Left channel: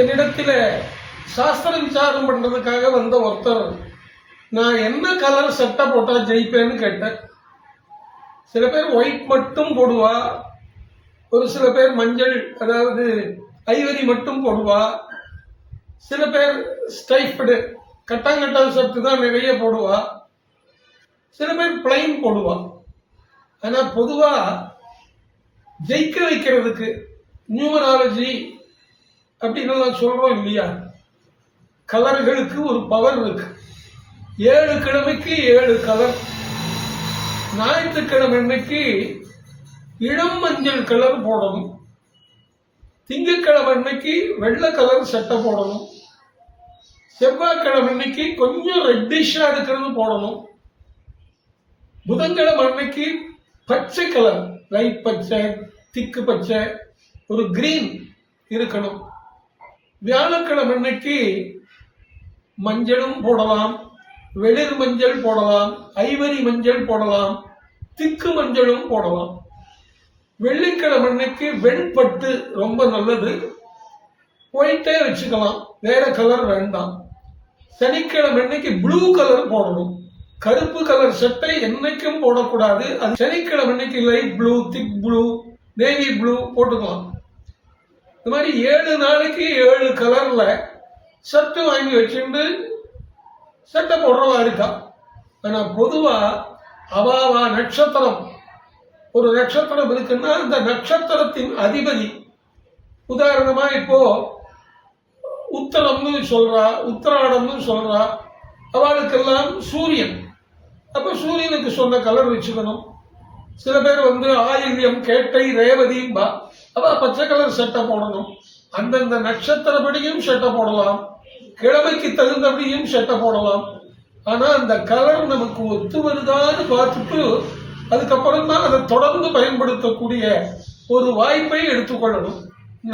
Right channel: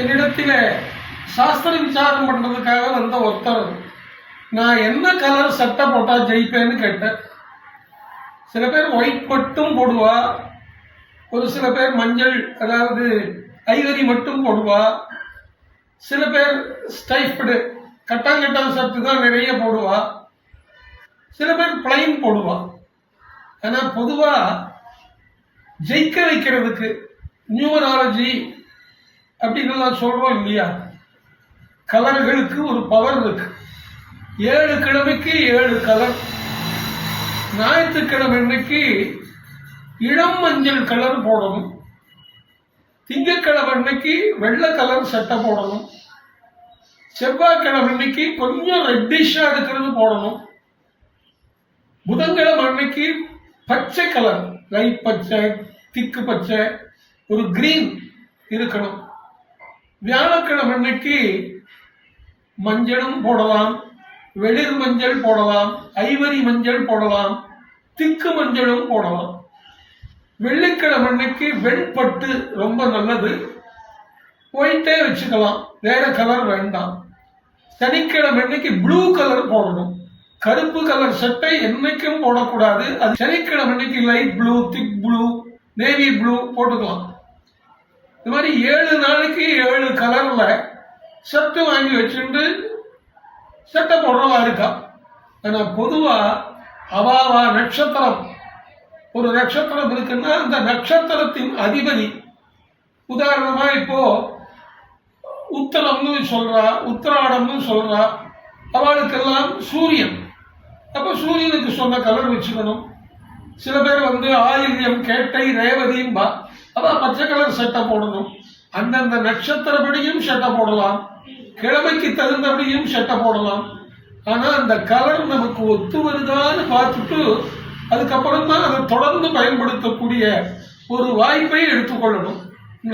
என்னிடத்தில் சாஸ்திர விசாரம் பண்ணுறதுக்காக வந்த ஒருத்தர் நான் என்ன கலர் சட்டை போட்டால் ஜெயிப்பேன்னு கேட்டேன். சில பேர் ஒயிட் மட்டும் போடுவா, ஒரு சில பேர் மஞ்சள் அதாவது ஐவரி மட்டும் போடுவா, சில பேர் ஸ்டைஃப்டு கட்டாங்கட்டான் சட்டு தான் நிறைய போடுவா, சில பேர் பிளைன் போடுவா. ஆனால் பொதுவாக ஜெயிக்க வைக்கிறதுக்கு நியூமராலஜி அப்படின்னு நான் சொல்கிறோம் இல்லையா, கலர்களுக்கு ஒரு பவர் இருக்கு. 7 கிழமைக்கு 7 கலர். ஞாயிற்றுக்கிழமை அன்னைக்கு இளம் மஞ்சள் கலர் போடணும், திங்கட்கிழமை அன்னைக்கு வெள்ளை கலர் சட்டை போடணும், செவ்வாய்க்கிழமை அன்னைக்கு கொஞ்சம் ரெட்டிஷா இருக்கிறது போடணும், புதன்கிழமை அன்னைக்கு பச்சை கலர் லைட் பச்சை திக்கு பச்சை ஒரு கிரீன் இருக்கணும், வியாழக்கிழமை அன்னைக்கு மஞ்சளும் போடலாம், வெளிர் மஞ்சள் போடலாம், ஐவரி மஞ்சள் போடலாம், திக்கு மஞ்சளும் போடலாம். வெள்ளிக்கிழமை அன்னைக்கு வெண்பட்டு ரொம்ப நல்லது, ஒயிட்டே வச்சுக்கலாம், வேற கலர் வேண்டாம். சனிக்கிழமை அன்னைக்கு ப்ளூ கலர் போடணும், கருப்பு கலர் சட்டை என்னைக்கும் போடக்கூடாது. அது சனிக்கிழமை அன்னைக்கு லைட் ப்ளூ, திக் ப்ளூ, நேவி ப்ளூ போட்டுக்கலாம். இந்த மாதிரி 7 நாளைக்கு 7 கலர்ல சட்டை வாங்கி வச்சுட்டு சட்டை போடுறதா இருக்கா. ஆனா பொதுவா அவாவா நட்சத்திரம், ஒரு நட்சத்திரம் இருக்குன்னா அந்த நட்சத்திரத்தின் அதிபதி, உதாரணமா இப்போ உத்தரம்னு சொல்றா, உத்தராடம்னு சொல்றா, அவளுக்கெல்லாம் சூரியன். அப்ப சூரியனுக்கு சொன்ன கலர் வச்சுக்கணும். சில பேர் ஆயில்யம், கேட்டை, ரேவதிம்பா, அவ பச்சை கலர் சட்டை போடணும். அந்தந்த நட்சத்திரப்படியும் சட்டை போடலாம், கிழமைக்கு தகுந்தபடியும் சட்டை போடலாம். ஆனா அந்த கலர் நமக்கு ஒத்து வருதான்னு பார்த்துட்டு அதுக்கப்புறம் தான் அதை தொடர்ந்து பயன்படுத்தக்கூடிய ஒரு வாய்ப்பை எடுத்துக்கொள்ளணும்.